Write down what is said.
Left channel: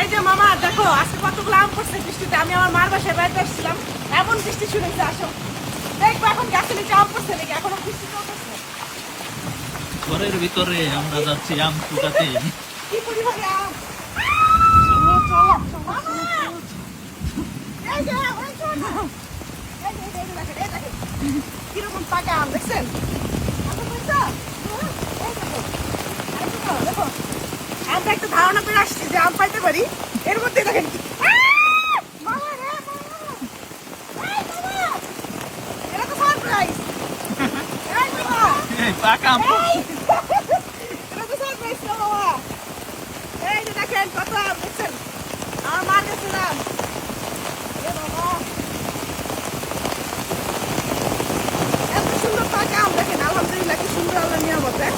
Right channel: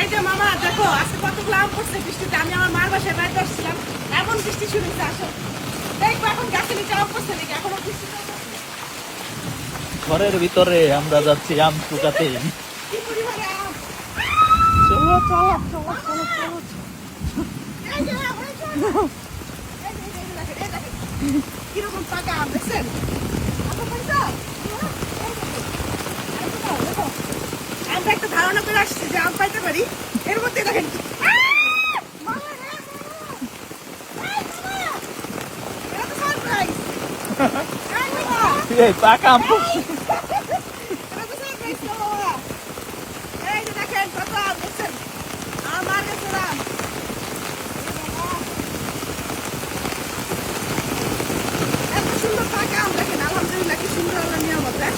এই যে মামা দেখো আজকে কতগুলো আম পড়ছে বৃষ্টিতে। আমি আমার মার বাসায় বেড়াতে আসছিলাম, এমন বৃষ্টি শুরু হয়েছে। আসো দেখবো এখন গাছে নিচে আম পড়ছে নাকি, এখনো বৃষ্টি চলতেছে। ঘরের ভিতরে আমরা যাচ্ছি আম কুটাতে। কি পরিমাণে আম! মামা! এই যে, ওই শোন না। এই যে, এই যে, দেখেন, এই দেখেন। কিরকম পাকা আম দেখছেন? আচ্ছা, পয়সা? এই দেখো। আর দেখো, দেখো। আমরা একটা ধারণা করে আসছি যে আম পাইতে পারি, এর মধ্যে দেখেন কি- মামা রে, মামা! এই মামা! এটা তো সারপ্রাইজ! এই মামা! এই পাকা আম এই! এটা তো সারপ্রাইজ না মামা! এই যে দেখেন কত আম দেখছেন? আমার মার কাছে আম। এ বাবা! এত সুন্দর পাকা আম দেখেন, আলহামদুলিল্লাহ কি সুন্দর আল্লাহ নিয়ামত। পড়ছে।